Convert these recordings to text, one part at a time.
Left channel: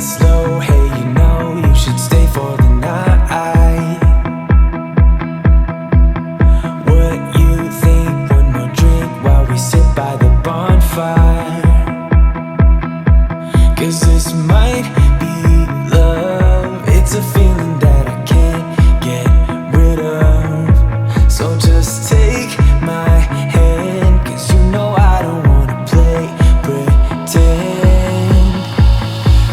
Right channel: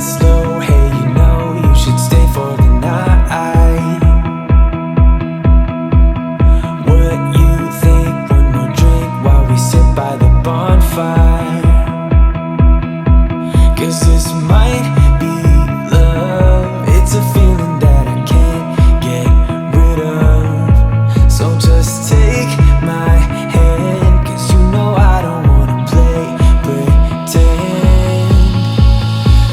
it slow. Hey, you know you should stay for the night. What you think? One more drink while we sit by the bonfire. 'Cause this might be love. It's a feeling that I can't get rid of. So just take my hand, 'cause you know I don't wanna play pretend.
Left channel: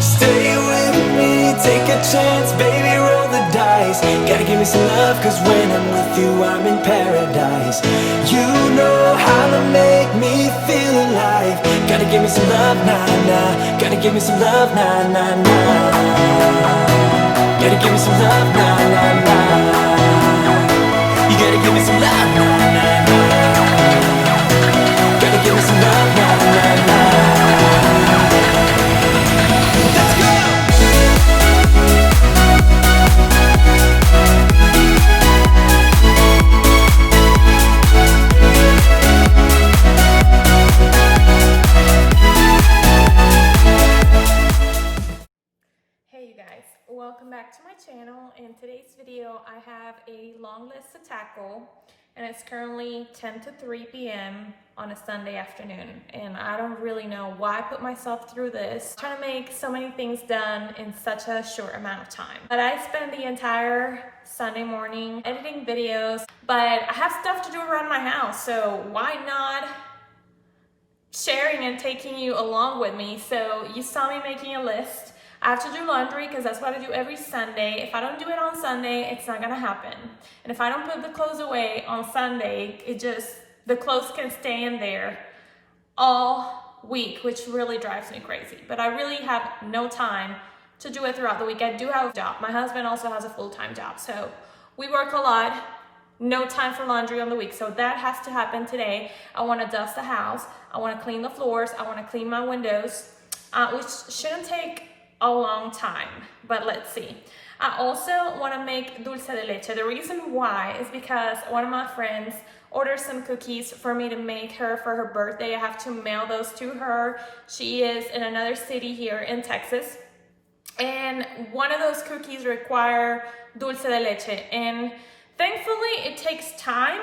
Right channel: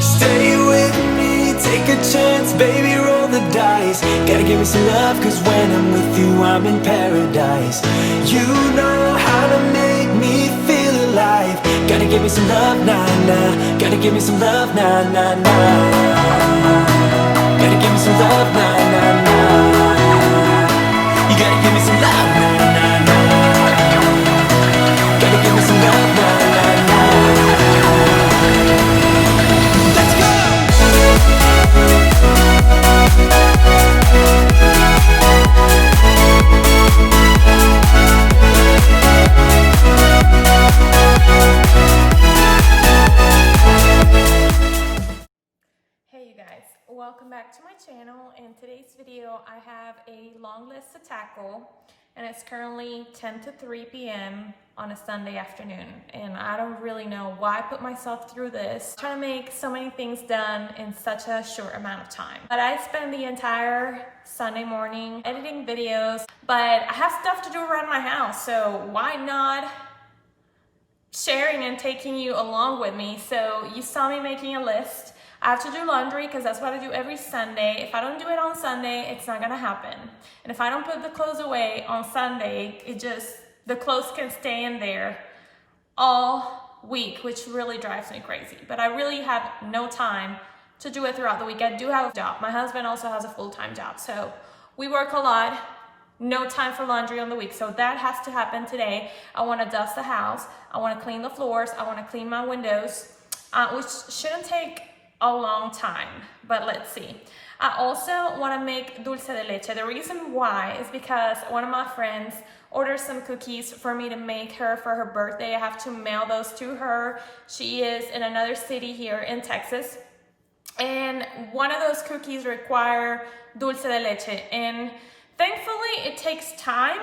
Stay with me, take a chance, baby, roll the dice. Gotta give me some love, 'cause when I'm with you, I'm in paradise. You know how to make me feel alive. Gotta give me some love, nah, nah. Gotta give me some love, nah, nah, nah. Gotta give me some love, nah, nah, nah. You gotta give me some love, nah, nah, nah. Gotta give me some love, nah, nah, nah. Let's go! Hey you guys, welcome back to my channel. In today's video I have a long list to tackle, and it's currently 10 to 3 p.m. on a Sunday afternoon, and I don't really know why I put myself through this. I'm trying to make so many things done in such a short amount of time. But I spend the entire Sunday morning editing videos, but I have stuff to do around my house, so why not sharing and taking you along with me? So you saw me making a list. I have to do laundry because that's what I do every Sunday. If I don't do it on Sunday, it's not gonna happen. And if I don't put the clothes away on Sunday, the clothes can stay in there all week, which really drives me crazy. But I really have no time to do it throughout the week. I do have a job. My husband also has a full-time job, so we work a lot. No time for laundry on the week, so that has to happen today. I want to dust the house. I want to clean the floors. I want to clean my windows, which shouldn't take a long time, but let's see. I also want to make dulce de leche. The reason why is because one of my friends ordered some cookies for me to make her for her birthday. I have to mail those to her. She is in another city here in Texas, and one of those cookies require dulce de leche, and thankfully it takes time,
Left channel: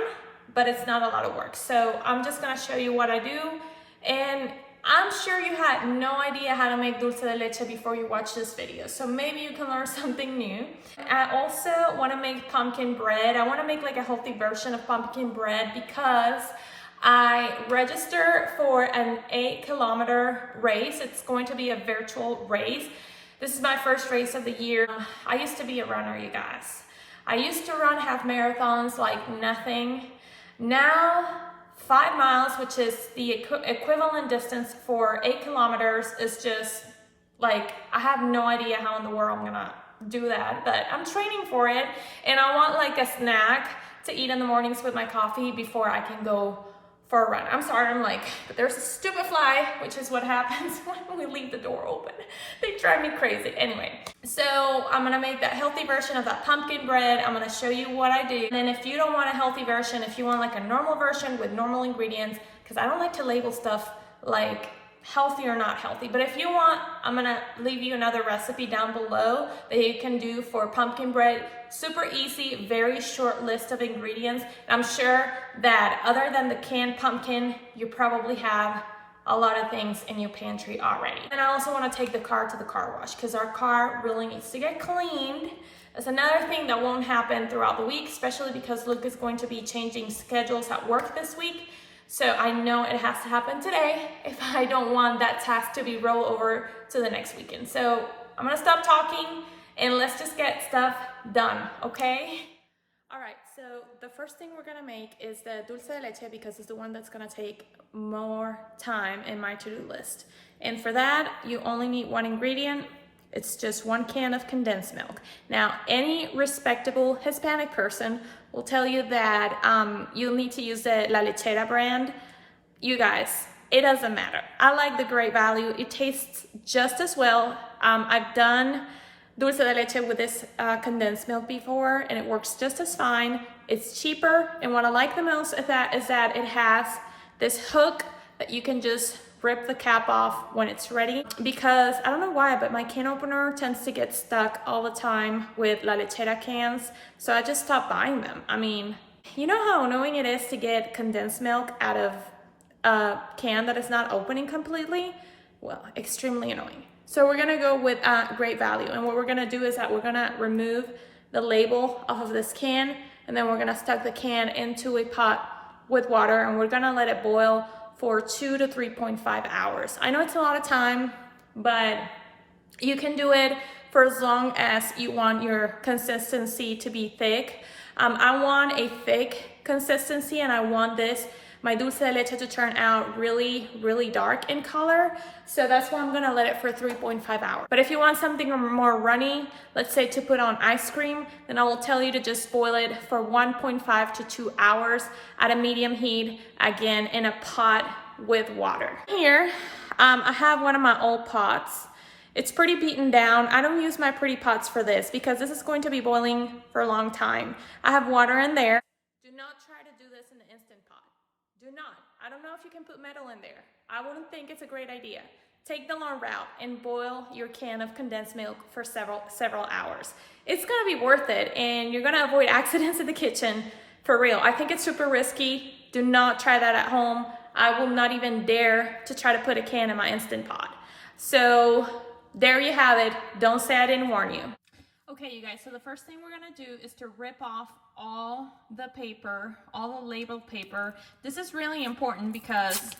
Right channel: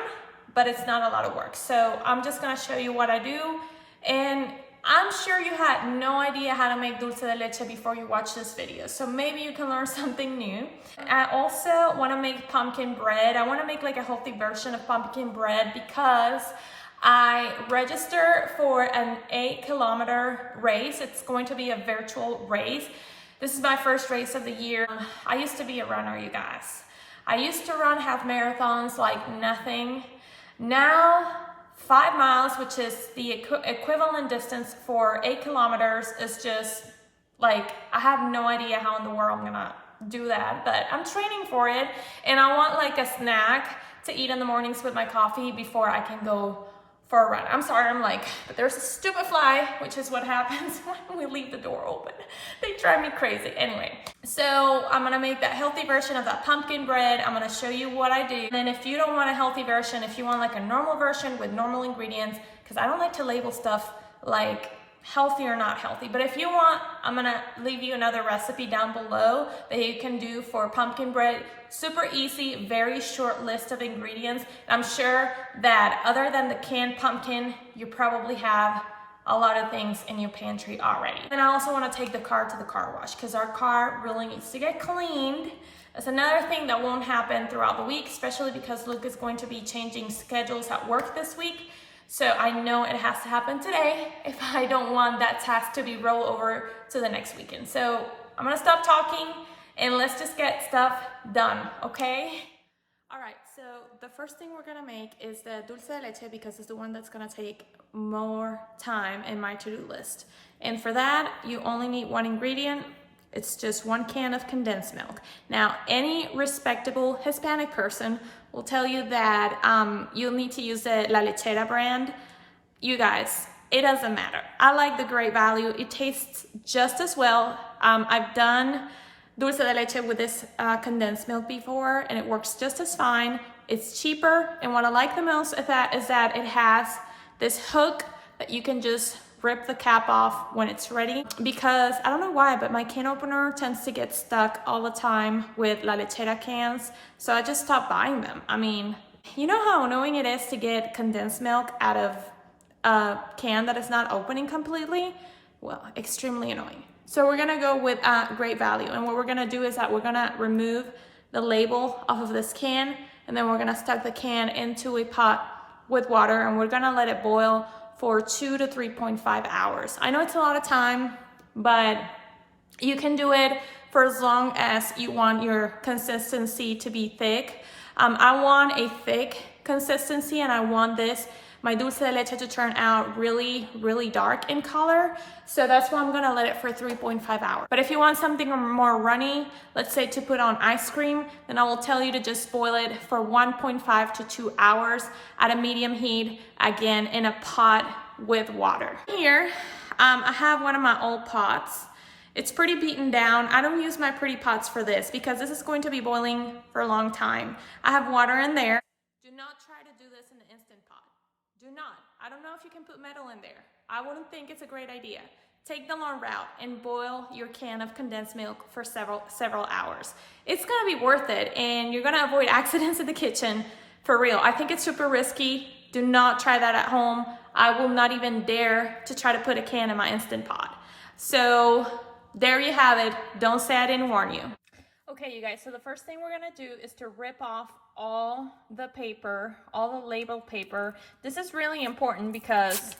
but it's not a lot of work. So I'm just gonna show you what I do, and I'm sure you had no idea how to make dulce de leche before you watch this video, so maybe you can learn something new. I also want to make pumpkin bread. I want to make like a healthy version of pumpkin bread because I registered for an 8-kilometer race. It's going to be a virtual race. This is my first race of the year. I used to be a runner, you guys. I used to run half marathons like nothing. Now 5 miles, which is the equivalent distance for 8 kilometers, is just like, I have no idea how in the world I'm gonna do that, but I'm training for it, and I want like a snack to eat in the mornings with my coffee before I can go for a run. I'm sorry, I'm like, but there's a stupid fly, which is what happens when we leave the door open. They drive me crazy. Anyway, so I'm gonna make that healthy version of that pumpkin bread. I'm gonna show you what I do. And then if you don't want a healthy version, if you want like a normal version with normal ingredients, because I don't like to label stuff like healthy or not healthy, but if you want, I'm gonna leave you another recipe down below that you can do for pumpkin bread. Super easy, very short list of ingredients. I'm sure that other than the canned pumpkin, you probably have a lot of things in your pantry already. And I also want to take the car to the car wash because our car really needs to get cleaned. That's another thing that won't happen throughout the week, especially because Luke is going to be changing schedules at work this week. So I know it has to happen today if I don't want that task to be rolled over to the next weekend. So I'm gonna stop talking and let's just get stuff done, okay? All right, so the first thing we're gonna make is the dulce de leche because it's the one that's gonna take more time in my to-do list. And for that, you only need one ingredient. It's just 1 can of condensed milk. Now, any respectable Hispanic person will tell you that you'll need to use the La Lechera brand. You guys, it doesn't matter. I like the Great Value. It tastes just as well. I've done dulce de leche with this condensed milk before, and it works just as fine. It's cheaper, and what I like the most of that is that it has this hook that you can just rip the cap off when it's ready, because I don't know why, but my can opener tends to get stuck all the time with La Lechera cans, so I just stopped buying them. I mean, you know how annoying it is to get condensed milk out of a can that is not opening completely? Well, extremely annoying. So we're gonna go with Great Value, and what we're gonna do is that we're gonna remove the label off of this can, and then we're gonna stuck the can into a pot with water, and we're gonna let it boil for 2 to 3.5 hours. I know it's a lot of time, but you can do it for as long as you want your consistency to be thick. I want a thick consistency, and I want my dulce de leche to turn out really, really dark in color. So that's why I'm gonna let it for 3.5 hours. But if you want something more runny, let's say to put on ice cream, then I will tell you to just boil it for 1.5 to 2 hours at a medium heat, again in a pot with water. Here, I have one of my old pots. It's pretty beaten down. I don't use my pretty pots for this because this is going to be boiling for a long time. I have water in there. Do not try to do this in the Instant Pot. Do not. I don't know if you can put metal in there. I wouldn't think it's a great idea. Take the long route and boil your can of condensed milk for several hours. It's gonna be worth it, and you're gonna avoid accidents in the kitchen for real. I think it's super risky. Do not try that at home. I will not even dare to try to put a can in my Instant Pot. So there you have it. Don't say I didn't warn you. Okay, you guys, so the first thing we're gonna do is to rip off all the paper, all the label paper. This is really important because,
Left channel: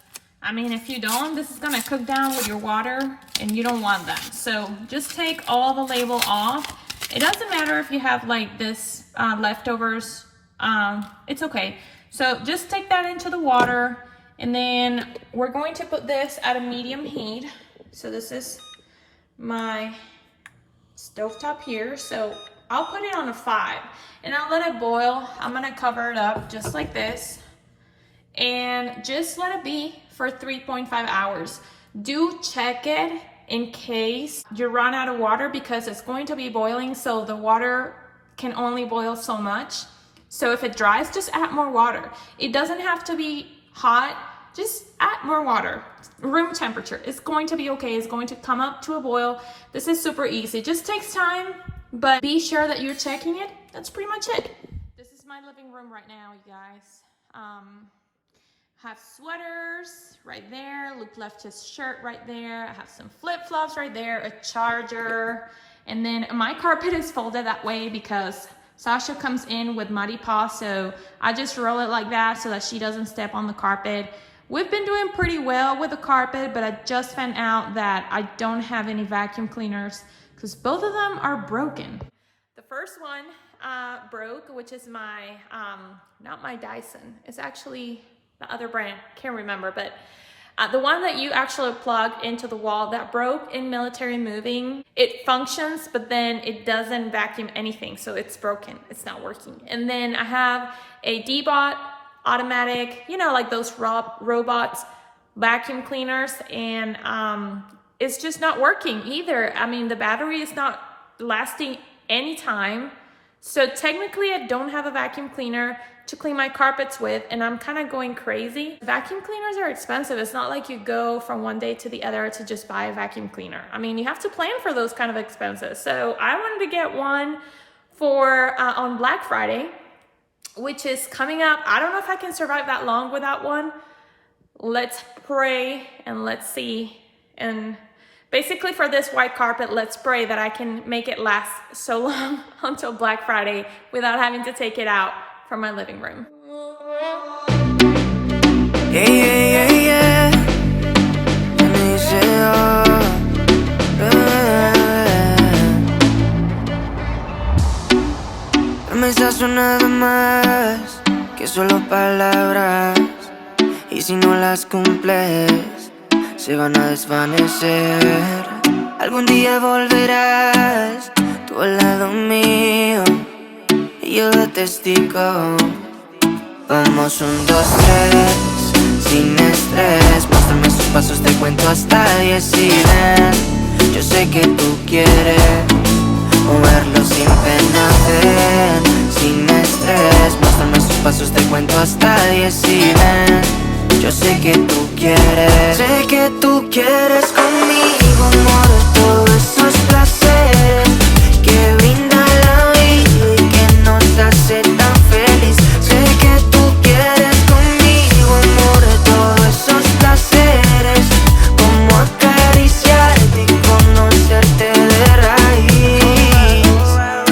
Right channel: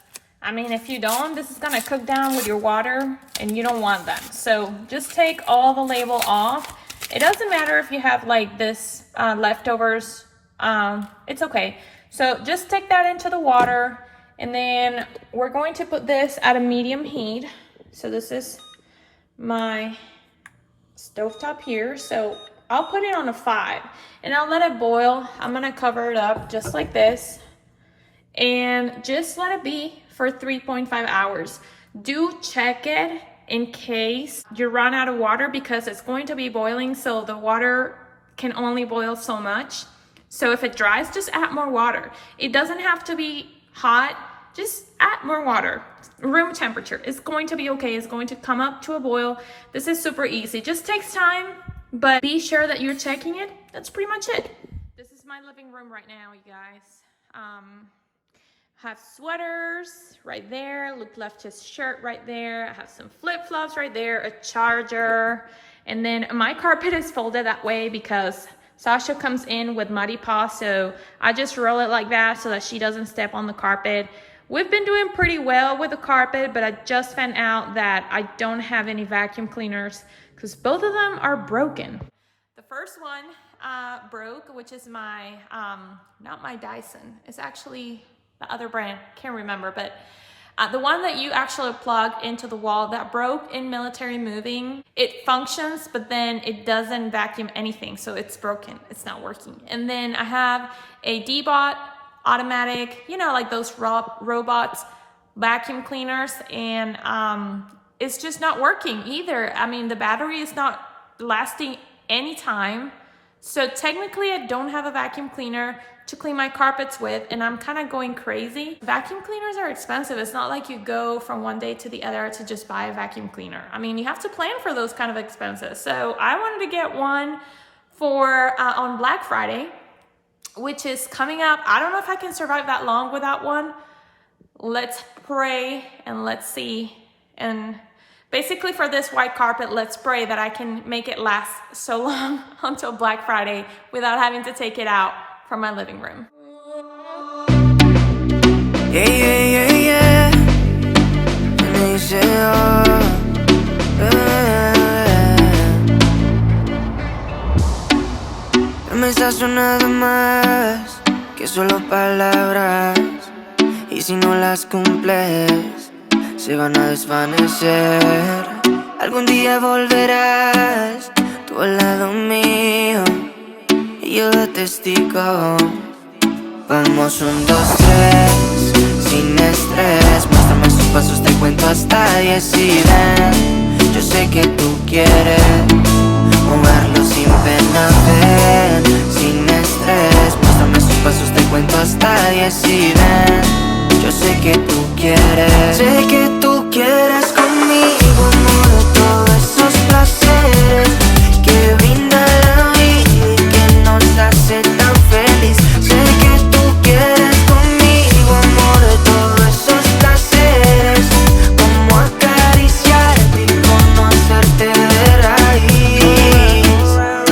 I mean, if you don't, this is gonna cook down with your water and you don't want them. So just take all the label off. It doesn't matter if you have like this leftovers, it's okay. So just take that into the water, and then we're going to put this at a medium heat. So this is my stovetop here, so I'll put it on a 5 and I'll let it boil. I'm gonna cover it up just like this and just let it be for 3.5 hours. Do check it in case you run out of water, because it's going to be boiling, so the water can only boil so much. So if it dries, just add more water. It doesn't have to be hot, just add more water. Room temperature. It's going to be okay. It's going to come up to a boil. This is super easy. Just takes time, but be sure that you're checking it. That's pretty much it. This is my living room right now, you guys. Have sweaters right there. Luke left his shirt right there. I have some flip-flops right there, a charger, and then my carpet is folded that way because Sasha comes in with muddy paws, so I just roll it like that so that she doesn't step on the carpet. We've been doing pretty well with the carpet, but I just found out that I don't have any vacuum cleaners because both of them are broken. The first one broke, which is my, not my Dyson. It's actually the other brand, can't remember, but the one that you actually plug into the wall that broke in military moving. It functions, but then it doesn't vacuum anything, so it's broken. It's not working. And then I have a D-Bot automatic, you know, like those robots vacuum cleaners, and it's just not working either. I mean, the battery is not lasting any time. So technically I don't have a vacuum cleaner to clean my carpets with, and I'm kind of going crazy. Vacuum cleaners are expensive. It's not like you go from one day to the other to just buy a vacuum cleaner. I mean, you have to plan for those kind of expenses. So I wanted to get one for on Black Friday, which is coming up. I don't know if I can survive that long without one. Let's pray and let's see. And basically for this white carpet, let's pray that I can make it last so long until Black Friday without having to take it out from my living room. Yeah, yeah, yeah, yeah. And they say, oh, promesas son nada más que solo palabras, y si no las cumples se van a desvanecer. Algún día volverás tú al lado mío y yo de testigo. Vamos 1, 2, 3, sin estrés. Muéstrame sus pasos, te cuento hasta 10 y ven. Yo sé que tú quieres moverlo sin pena, ven, sin estrés. Muéstrame sus pasos, te cuento hasta 10 y ven. Yo sé que tú quieres. Sé que tú quieres conmigo, amor, todos esos placeres que brinda la vida y que nos hace tan feliz. Sé que tú quieres conmigo, amor, todos esos placeres, como acariciarte y conocerte de raíz.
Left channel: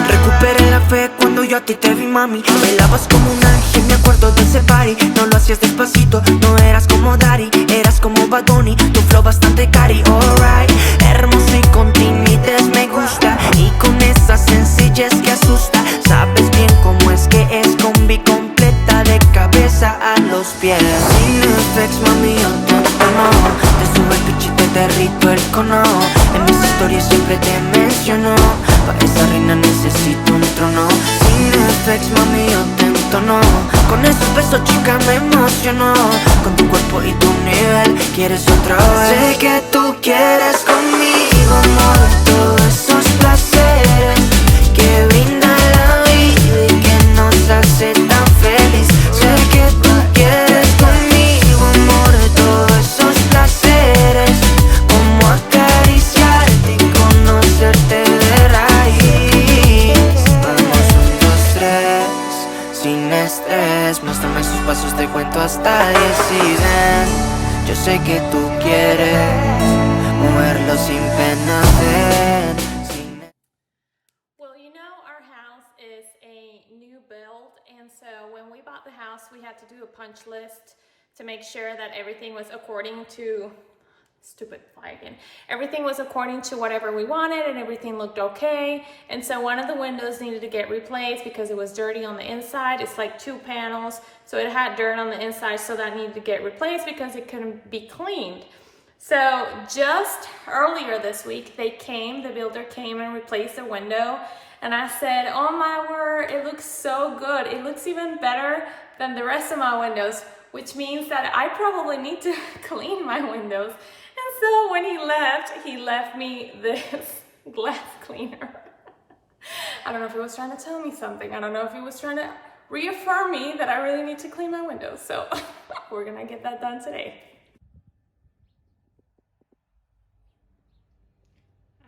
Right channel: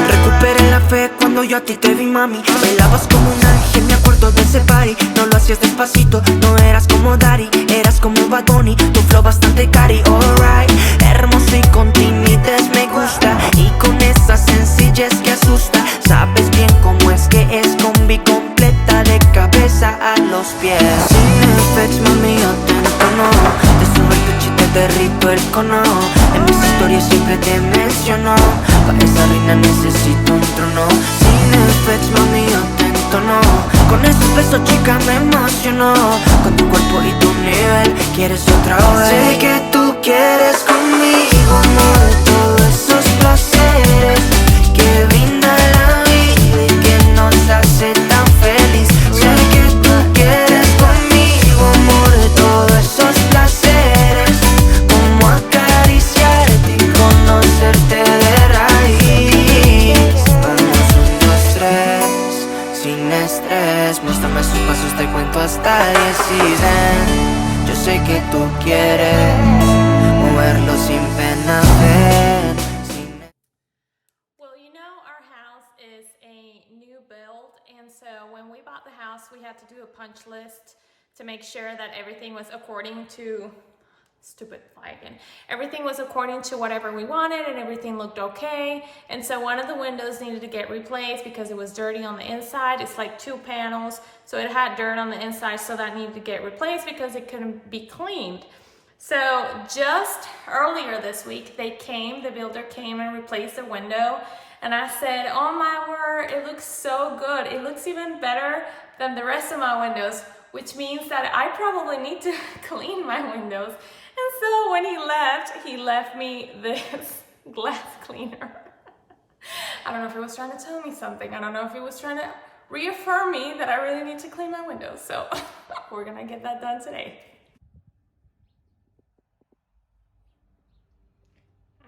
Recuperé la fe cuando yo a ti te vi, mami. Bailabas como un ángel, me acuerdo de ese party. No lo hacías despacito, no eras como Daddy, eras como Bad Bunny, tu flow bastante cari, alright. Hermoso y con timides me gusta, y con esa sencillez que asusta. Sabes bien cómo es que es combi completa de cabeza a los pies. Sin effects, mami, yo te entono, te subo el pitch y te derrito el cono. En mis historias siempre te menciono, pa' esa reina necesito un trono. Sin effects, mami, yo te entono, con esos besos, chica, me emociono. Con tu cuerpo y tu nivel, quieres otra vez. Sé que tú quieres conmigo, amor, todos esos placeres que brinda la vida y que nos hace tan feliz. Sé que tú quieres conmigo, amor, todos esos placeres, como acariciarte y conocerte de raíz. Vamos, 1, 2, 3, sin estrés. Muéstrame esos pasos, te cuento hasta 10 y ven. Yo sé que tú quieres moverlo sin pena, ven. Well, you know, our house is a new build, and so when we bought the house, we had to do a punch list to make sure that everything was according to, stupid fly again, everything was according to whatever we wanted, and everything looked okay. And so one of the windows needed to get replaced because it was dirty on the inside. It's like 2 panels, so it had dirt on the inside, so that needed to get replaced because it couldn't be cleaned. So just earlier this week, the builder came and replaced the window, and I said, oh my word, it looks so good. It looks even better than the rest of my windows, which means that I probably need to clean my windows. And so when he left me this glass cleaner. I don't know if he was trying to tell me something. I don't know if he was trying to reaffirm me that I really need to clean my windows. So we're gonna get that done today.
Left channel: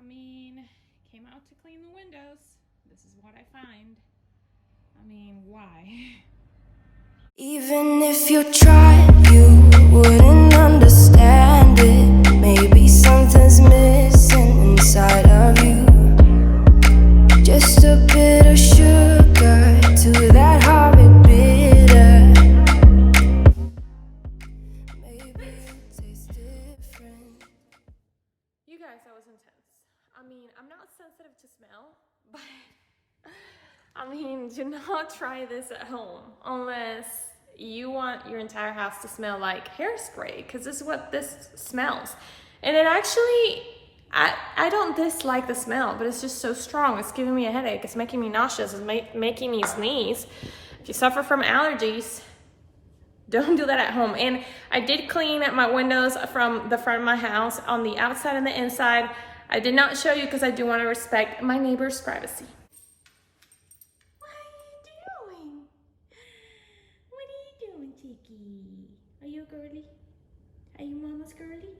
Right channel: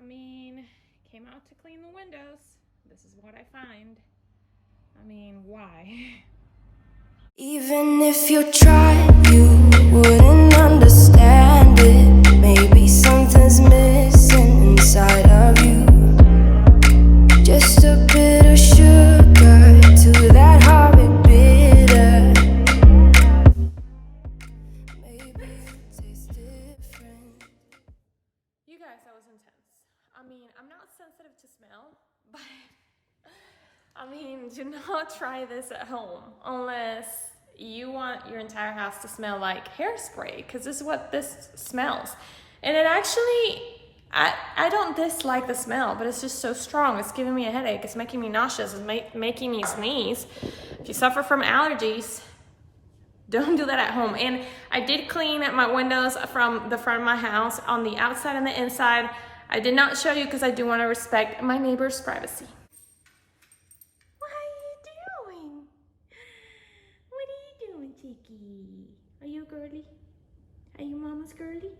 I mean, came out to clean the windows. This is what I find. I mean, why? Even if you tried, you wouldn't understand it. Maybe something's missing inside of you. Just a bit of sugar to that horrid bitter. Maybe it tastes different. You guys, that was intense. I mean, I'm not sensitive to smell, but I mean, do not try this at home unless you want your entire house to smell like hairspray, because this is what this smells. And it actually, I don't dislike the smell, but it's just so strong. It's giving me a headache. It's making me nauseous. It's making me sneeze. If you suffer from allergies, don't do that at home. And I did clean my windows from the front of my house on the outside and the inside. I did not show you because I do want to respect my neighbor's privacy. What are you doing? What are you doing, Chicky? Are you a girly? Are you mama's girly?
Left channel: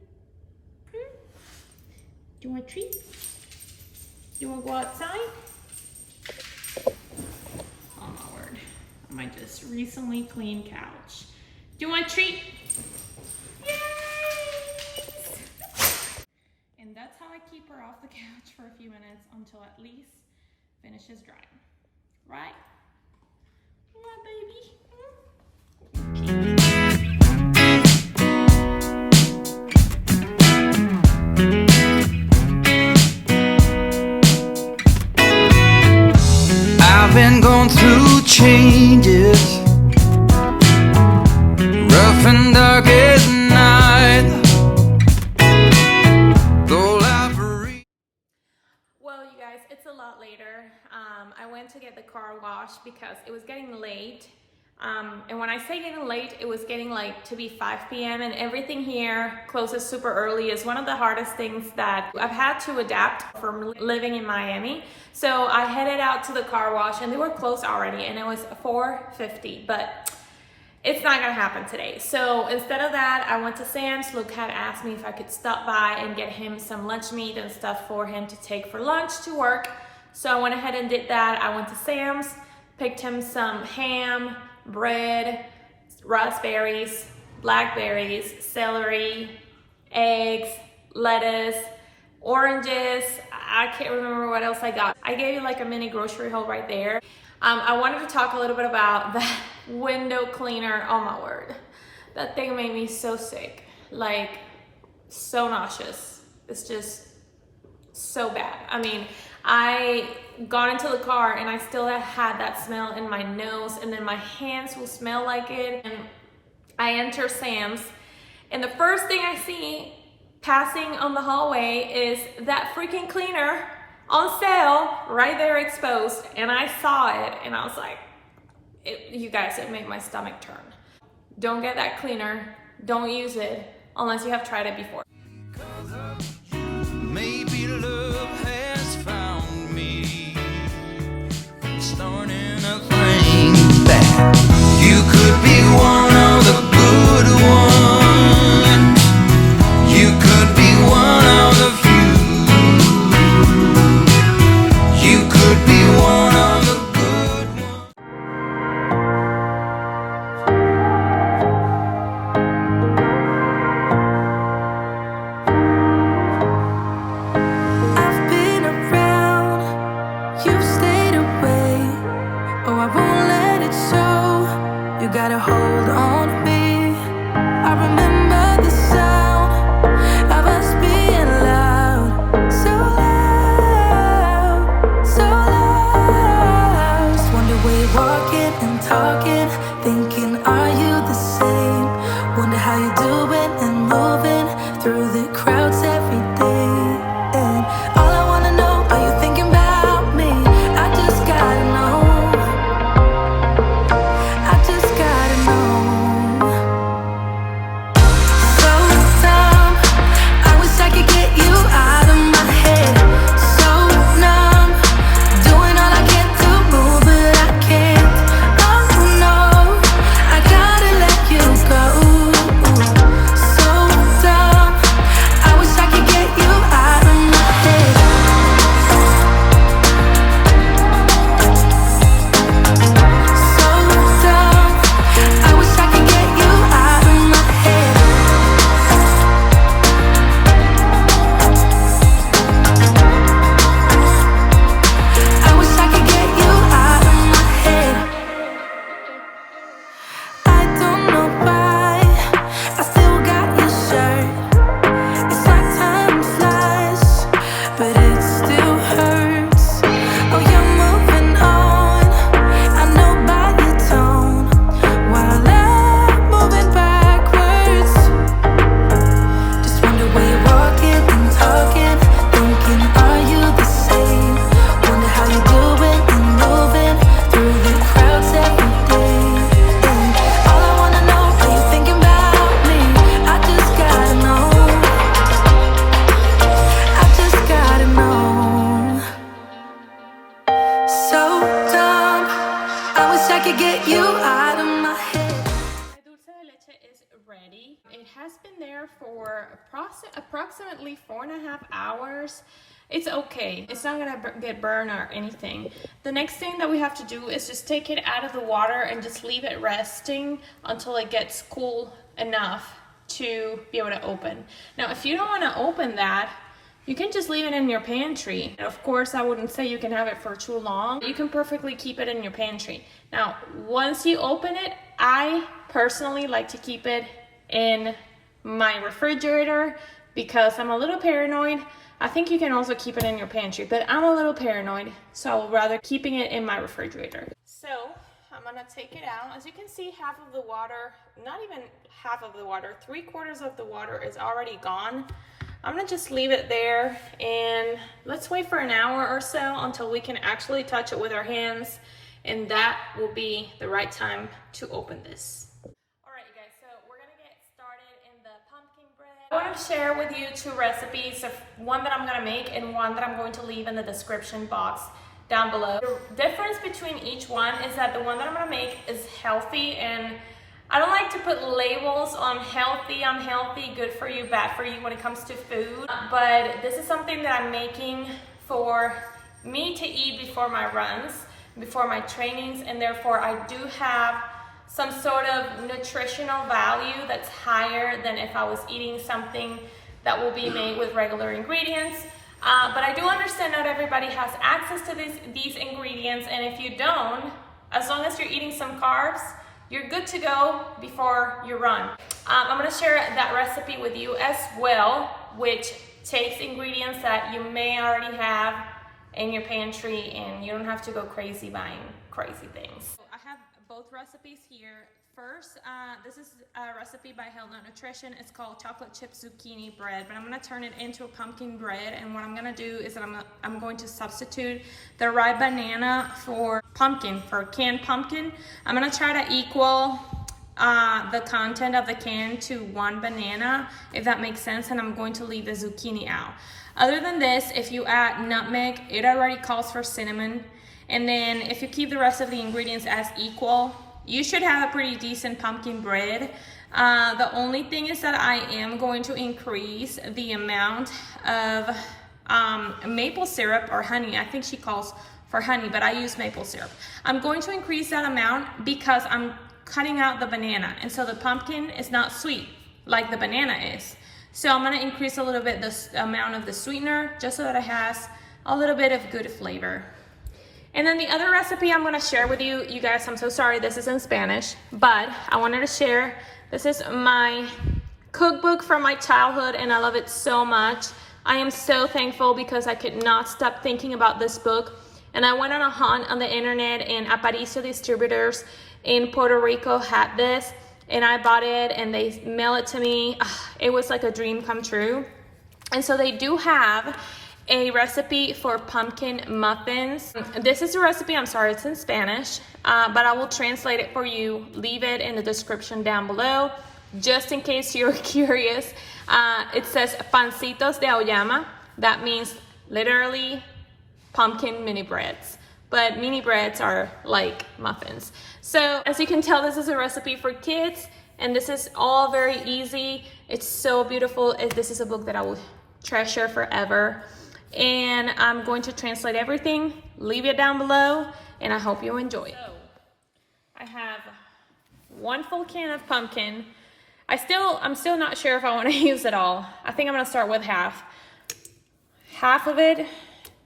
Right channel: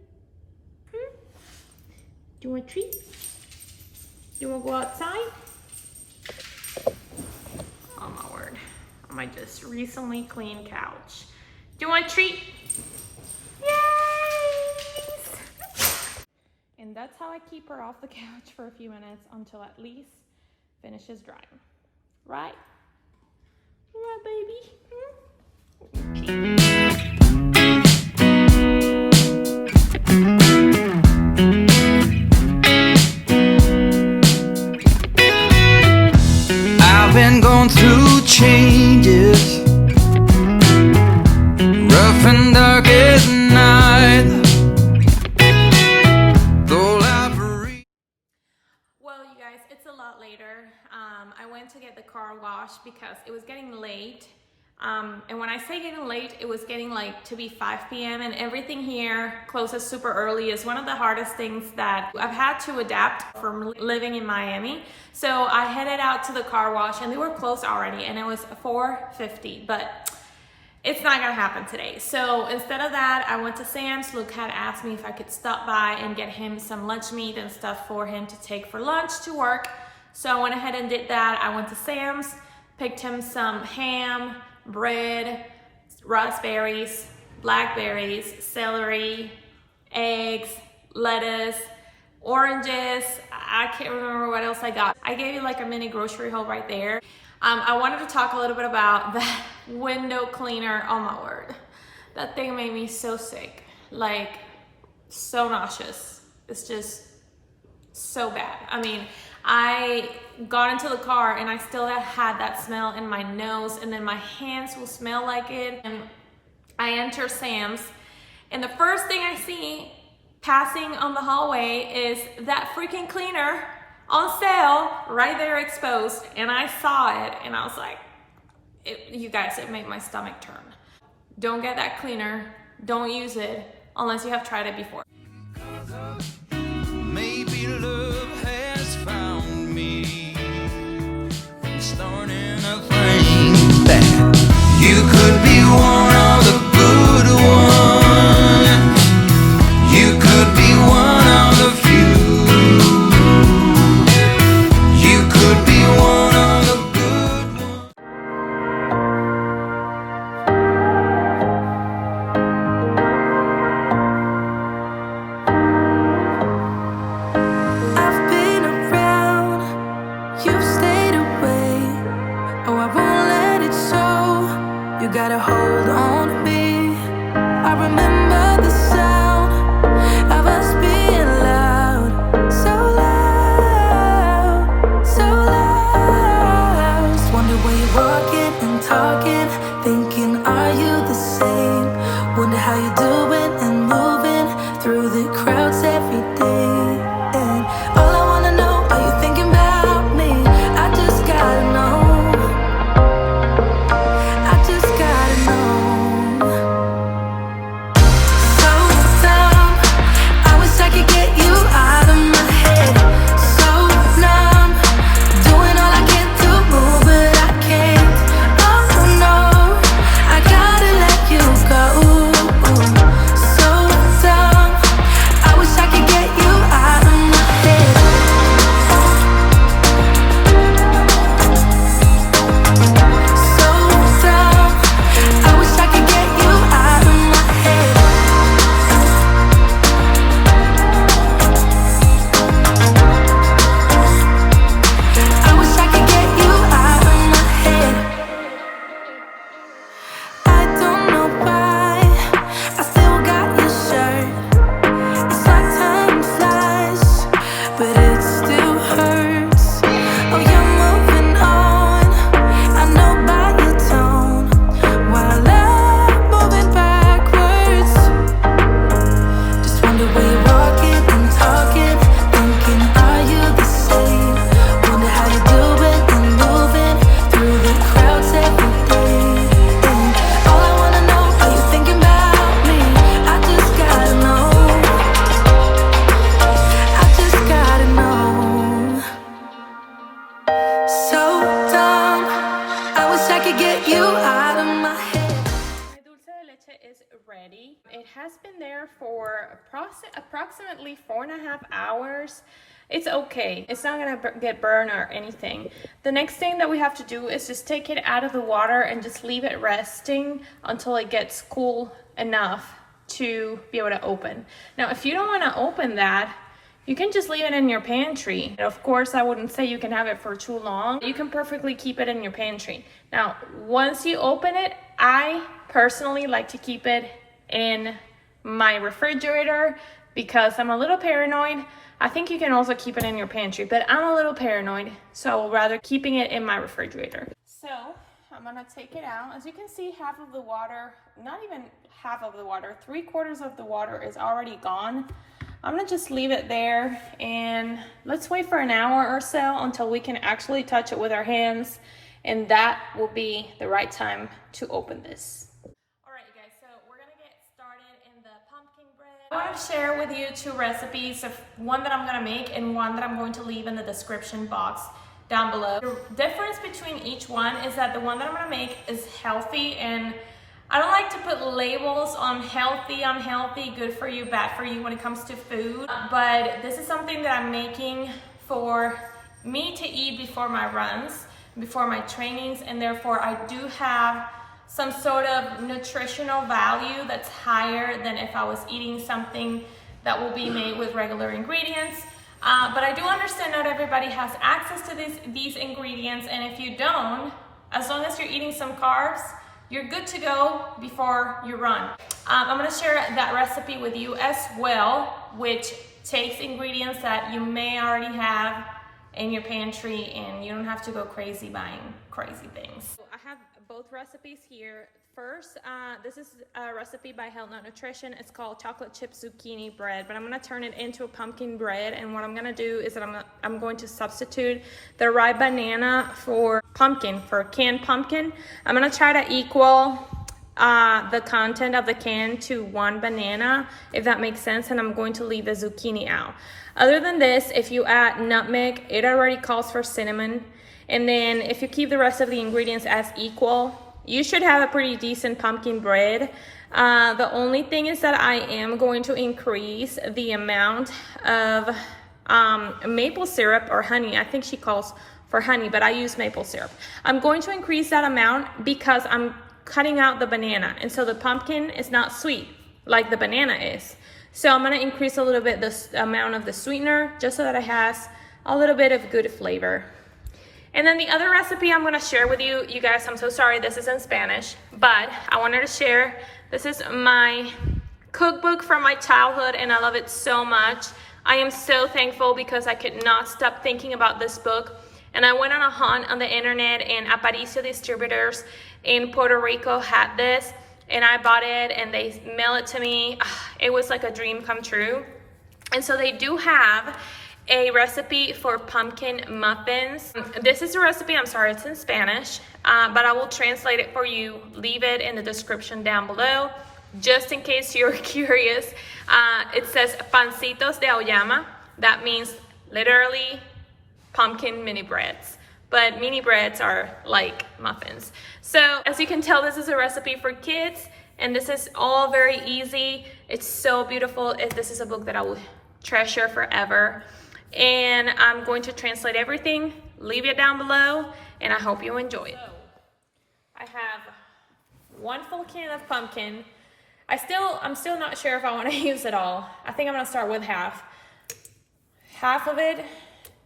Do you want a treat? Do you want to go outside? Oh my word. I just recently cleaned couch. Do you want a treat? Yay! And that's how I keep her off the couch for a few minutes until at least finishes drying. Right? Right, baby? I've been going through changes, rough and dark as night. Well, you guys, it's a lot later. I went to get the car washed because it was getting late. And when I say getting late, it was getting like to be 5 p.m. and everything here closes super early. Is one of the hardest things that I've had to adapt from living in Miami. So I headed out to the car wash and they were closed already and it was 4:50, but it's not gonna happen today. So instead of that, I went to Sam's. Luke had asked me if I could stop by and get him some lunch meat and stuff for him to take for lunch to work. So I went ahead and did that. I went to Sam's, picked him some ham, bread, raspberries, blackberries, celery, eggs, lettuce, oranges. I can't remember what else I got. I gave you like a mini grocery haul right there. I wanted to talk a little bit about that window cleaner. Oh my word. That thing made me so sick. Like, so nauseous. It's just so bad. I mean, I got into the car and I still had that smell in my nose, and then my hands will smell like it. And I enter Sam's, and the first thing I see passing on the hallway is that freaking cleaner on sale right there exposed. And I saw it and I was like, you guys, it made my stomach turn. Don't get that cleaner. Don't use it unless you have tried it before. Maybe love has found me, starting a thing that you could be one of the good ones. You could be one of the few. You could be one of the good ones. I've been around, you've stayed away. Oh, I won't let it show. You got a hold on me. I remember the sound of us being loud, so loud, so loud. Just wonder where you're walking and talking, thinking, are you the same? Wonder how you're doing and moving through the crowds every day. And all I wanna know, are you thinking about me? I just gotta know. I just gotta know. I could get you out of my head. So numb, doing all I can to move, but I can't. Oh no, I gotta let you go. So dumb, I wish I could get you out of my head. So dumb, I wish I could get you out of my head. Ready. It has been there for approximately 4.5 hours. It's okay. It's not gonna get burned or anything. The next thing that we have to do is just take it out of the water and just leave it resting until it gets cool enough to be able to open. Now, if you don't want to open that, you can just leave it in your pantry. Of course, I wouldn't say you can have it for too long. You can perfectly keep it in your pantry. Now, once you open it, I personally like to keep it in my refrigerator because I'm a little paranoid. I think you can also keep it in your pantry, but I'm a little paranoid, so I would rather keeping it in my refrigerator. So I'm gonna take it out. As you can see, half of the water, not even half of the water, 3/4 of the water is already gone. I'm gonna just leave it there and let's wait for an hour or so until we can actually touch it with our hands, and that will be the right time to open this. All right, you guys, so we're gonna get started in the pumpkin bread. I want to share with you two recipes, of one that I'm gonna make and one that I'm going to leave in the description box down below. The difference between each one is that the one that I'm gonna make is healthy, and I don't like to put labels on healthy, unhealthy, good for you, bad for you when it comes to food, but this is something that I'm making for me to eat before my runs, before my trainings, and therefore I do have some sort of nutritional value that's higher than if I was eating something that will be made with regular ingredients. But I do understand not everybody has access to these ingredients, and if you don't, as long as you're eating some carbs, you're good to go before you run. I'm gonna share that recipe with you as well, which takes ingredients that you may already have in your pantry and you don't have to go crazy buying crazy things. I have both recipes here. First, this is a recipe by HEALTHNUT Nutrition. It's called chocolate chip zucchini bread, but I'm gonna turn it into a pumpkin bread, and what I'm gonna do is that I'm going to substitute the ripe banana for pumpkin, for canned pumpkin. I'm gonna try to equal the content of the can to one banana, if that makes sense, and I'm going to leave the zucchini out. Other than this, if you add nutmeg, it already calls for cinnamon, and then if you keep the rest of the ingredients as equal, you should have a pretty decent pumpkin bread. The only thing is that I am going to increase the amount of maple syrup or honey. I think she calls for honey, but I use maple syrup. I'm going to increase that amount because I'm cutting out the banana, and so the pumpkin is not sweet like the banana is. So I'm gonna increase a little bit the amount of the sweetener just so that it has a little bit of good flavor. And then the other recipe I'm gonna share with you, you guys, I'm so sorry this is in Spanish, but I wanted to share, this is my cookbook from my childhood and I love it so much. I am so thankful because I could not stop thinking about this book. And I went on a hunt on the internet, and Aparicio Distributors in Puerto Rico had this, and I bought it and they mailed it to me. It was like a dream come true. And so they do have a recipe for pumpkin muffins. This is a recipe, I'm sorry, it's in Spanish, but I will translate it for you. Leave it in the description down below, just in case you're curious. It says pancitos de auyama. That means literally pumpkin mini breads, but mini breads are like muffins. So as you can tell, this is a recipe for kids, and this is all very easy. It's so beautiful. This is a book that I will treasure forever. And I'm going to translate everything, leave it down below, and I hope you enjoy it. I have one full can of pumpkin. I'm still not sure if I want to use it all. I think I'm gonna start with half. Half of it,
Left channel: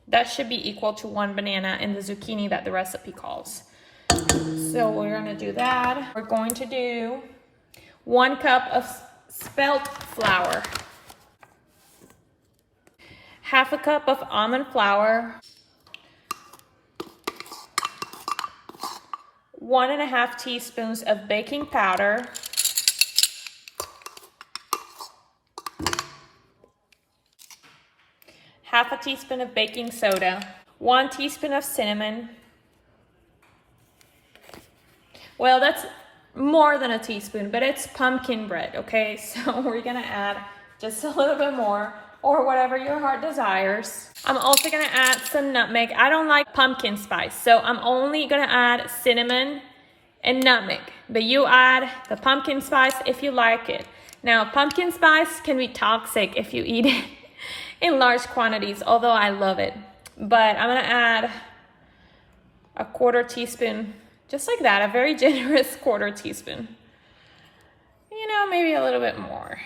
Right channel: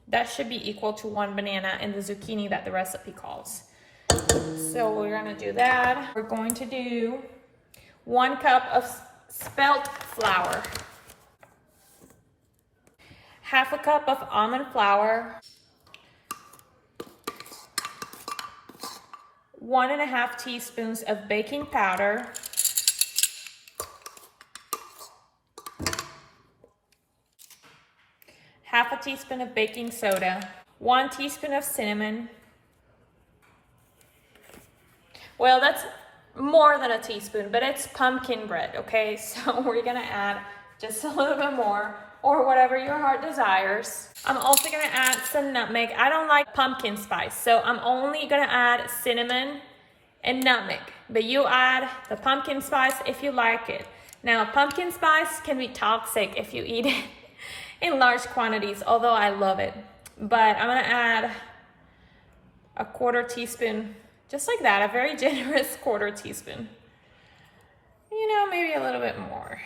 that should be equal to one banana and the zucchini that the recipe calls. So we're gonna do that. We're going to do 1 cup of spelt flour, half a cup of almond flour, 1.5 teaspoons of baking powder, half a teaspoon of baking soda, 1 teaspoon of cinnamon. Well, that's more than a teaspoon, but it's pumpkin bread, okay? So we're gonna add just a little bit more, or whatever your heart desires. I'm also gonna add some nutmeg. I don't like pumpkin spice, so I'm only gonna add cinnamon and nutmeg, but you add the pumpkin spice if you like it. Now, pumpkin spice can be toxic if you eat it in large quantities, although I love it. But I'm gonna add a 1/4 teaspoon, just like that, a very generous 1/4 teaspoon. You know, maybe a little bit more.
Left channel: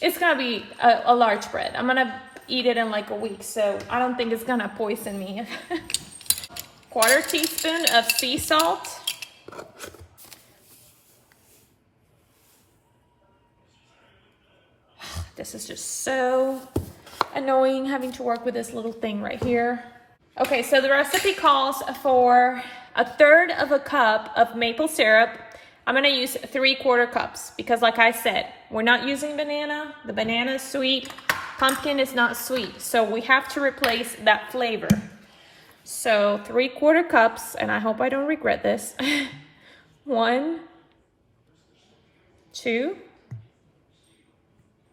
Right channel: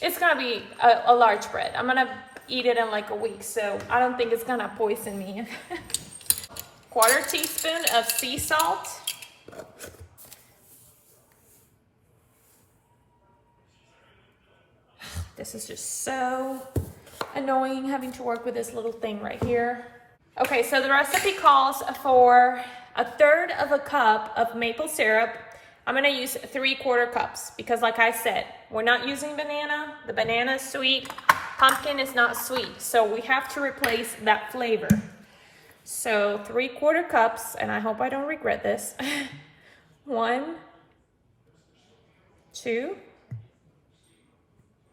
It's gonna be a large bread. I'm gonna eat it in like a week, so I don't think it's gonna poison me. 1/4 teaspoon of sea salt. This is just so annoying having to work with this little thing right here. Okay, so the recipe calls for 1/3 of a cup of maple syrup. I'm gonna use 3/4 cups because like I said, we're not using banana. The banana is sweet, pumpkin is not sweet. So we have to replace that flavor. So 3/4 cups, and I hope I don't regret this. 1, 2,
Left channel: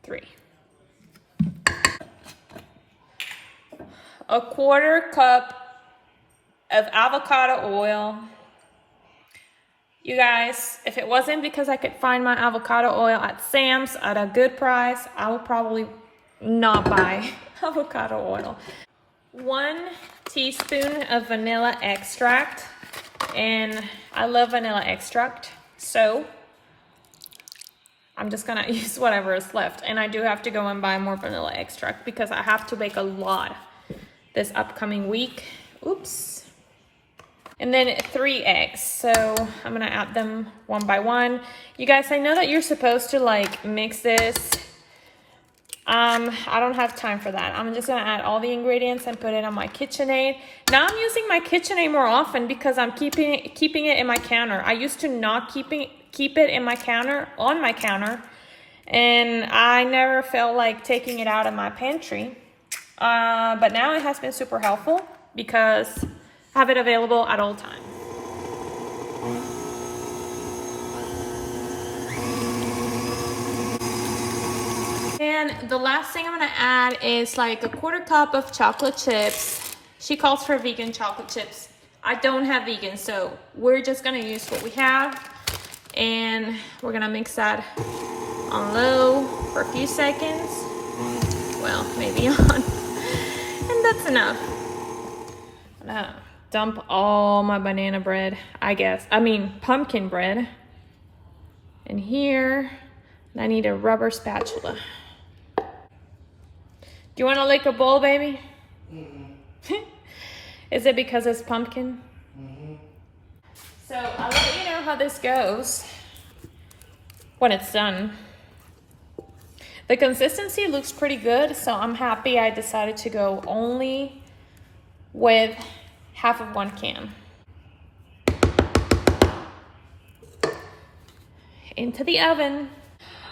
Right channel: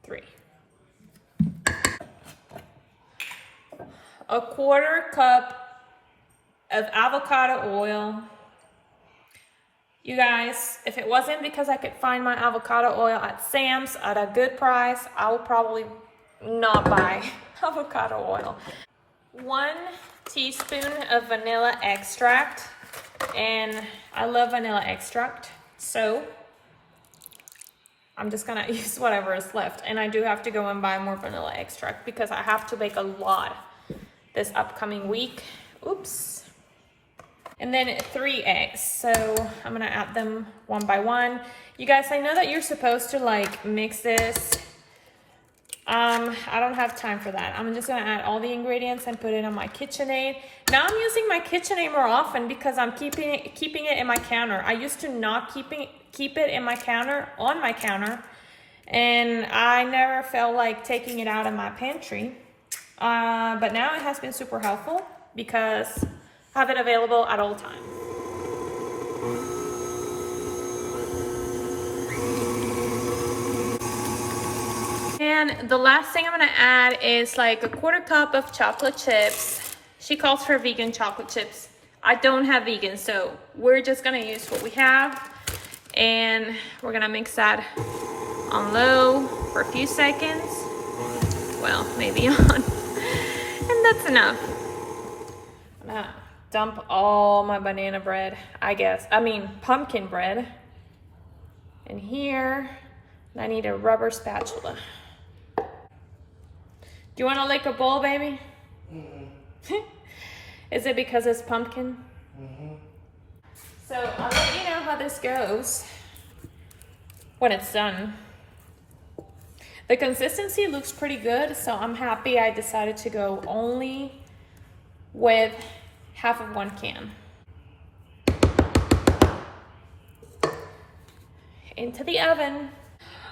3. 1/4 cup of avocado oil, You guys, if it wasn't because I could find my avocado oil at Sam's at a good price, I would probably not buy avocado oil. 1 teaspoon of vanilla extract, and I love vanilla extract, so I'm just gonna use whatever is left. And I do have to go and buy more vanilla extract because I have to bake a lot this upcoming week. Oops. And then 3 eggs. So I'm gonna add them one by one. You guys, I know that you're supposed to like mix this. I don't have time for that. I'm just gonna add all the ingredients and put it on my KitchenAid. Now I'm using my KitchenAid more often because I'm keeping it in my counter. I used to not keep it in my counter, on my counter, and I never felt like taking it out of my pantry. But now it has been super helpful because I have it available at all times. And the last thing I'm gonna add is like a 1/4 cup of chocolate chips. She calls for vegan chocolate chips. I don't have vegan, so we're just gonna use what we have. And we're gonna mix that on low for a few seconds. Well, maybe on. And that's enough. I'm gonna dump all my banana bread, pumpkin bread in here. And I need a rubber spatula. Do you want to lick a bowl, baby? Mm-hmm. Is it because it's pumpkin? Mm-hmm. So I'll let you know how this goes when it's done. The consistency looks pretty good, so I'm happy I decided to go only with half of 1 can. Into the oven.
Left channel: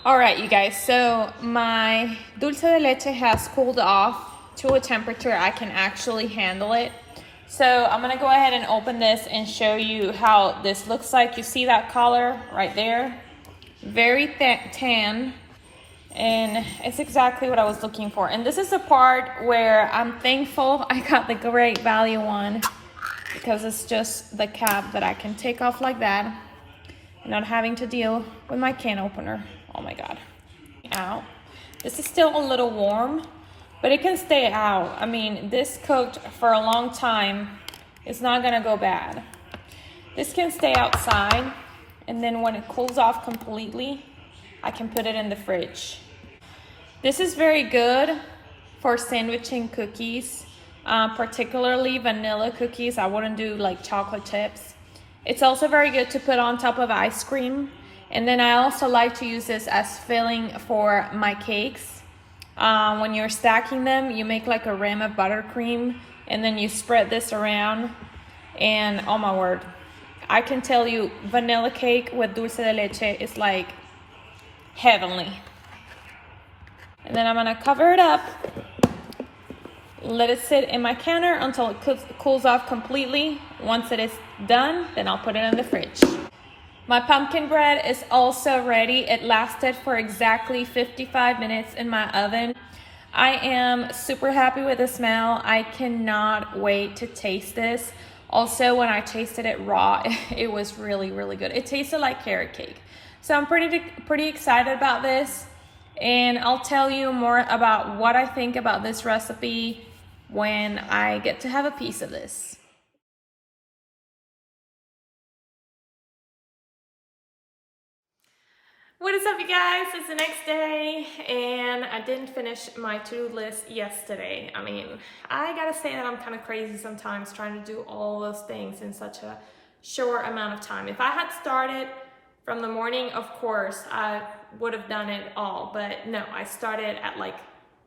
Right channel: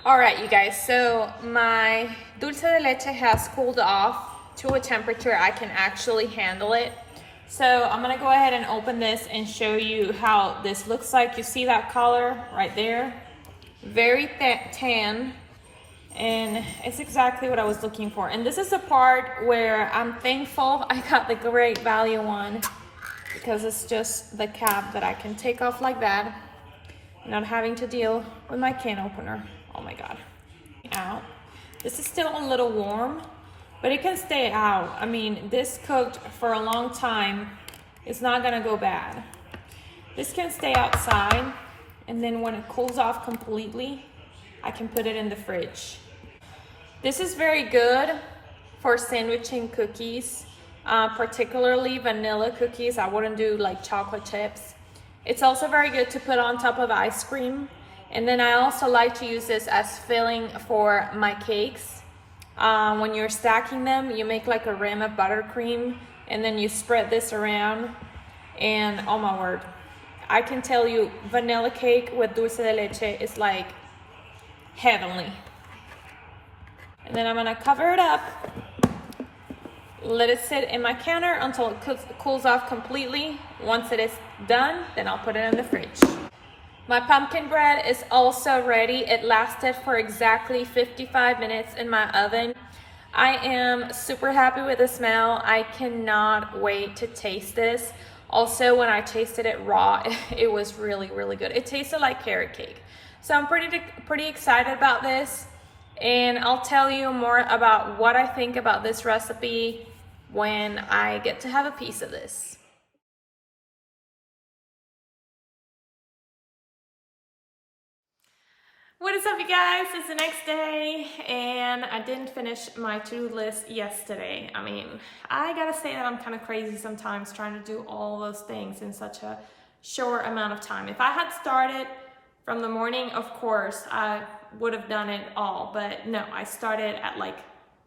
All right, you guys, so my dulce de leche has cooled off to a temperature I can actually handle it. So I'm gonna go ahead and open this and show you how this looks like. You see that color right there? Very tan, and it's exactly what I was looking for. And this is the part where I'm thankful I got the great value one, because it's just the cap that I can take off like that, not having to deal with my can opener. Oh my God. Out. This is still a little warm, but it can stay out. I mean, this cooked for a long time. It's not gonna go bad. This can stay outside, and then when it cools off completely, I can put it in the fridge. This is very good for sandwiching cookies, particularly vanilla cookies. I wouldn't do like chocolate chips. It's also very good to put on top of ice cream. And then I also like to use this as filling for my cakes. When you're stacking them, you make like a rim of buttercream, and then you spread this around, and oh my word, I can tell you vanilla cake with dulce de leche is like heavenly. And then I'm gonna cover it up, let it sit in my counter until it cools off completely. Once it is done, then I'll put it in the fridge. My pumpkin bread is also ready. It lasted for exactly 55 minutes in my oven. I am super happy with the smell. I cannot wait to taste this. Also, when I tasted it raw, it was really, really good. It tasted like carrot cake. So I'm pretty excited about this. And I'll tell you more about what I think about this recipe when I get to have a piece of this. What is up, you guys? It's the next day, and I didn't finish my to-do list yesterday. I mean, I gotta say that I'm kind of crazy sometimes trying to do all those things in such a short amount of time. If I had started from the morning, of course, I would have done it all, but no, I started at like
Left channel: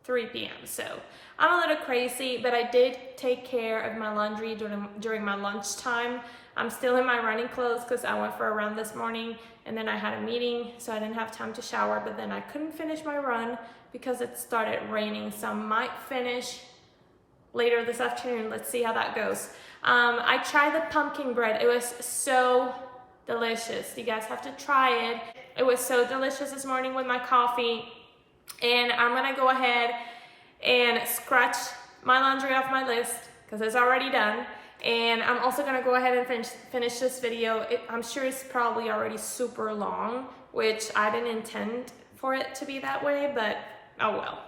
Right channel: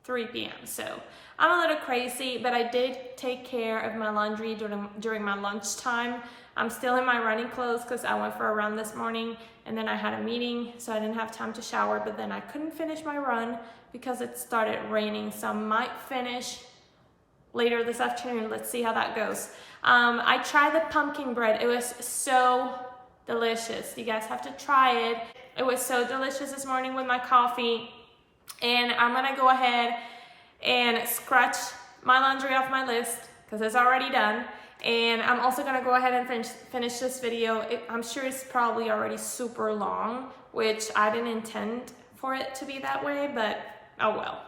3 p.m. So I'm a little crazy, but I did take care of my laundry during my lunchtime. I'm still in my running clothes because I went for a run this morning, and then I had a meeting, so I didn't have time to shower, but then I couldn't finish my run because it started raining, so I might finish later this afternoon. Let's see how that goes. I tried the pumpkin bread. It was so delicious. You guys have to try it. It was so delicious this morning with my coffee, and I'm gonna go ahead and scratch my laundry off my list because it's already done. And I'm also gonna go ahead and finish this video. I'm sure it's probably already super long, which I didn't intend for it to be that way, but oh well.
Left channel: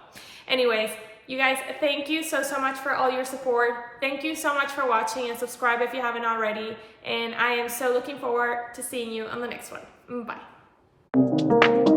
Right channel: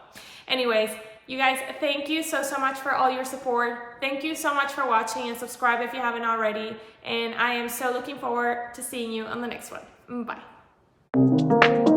Anyways, you guys, thank you so much for all your support. Thank you so much for watching, and subscribe if you haven't already. And I am so looking forward to seeing you on the next one. Bye.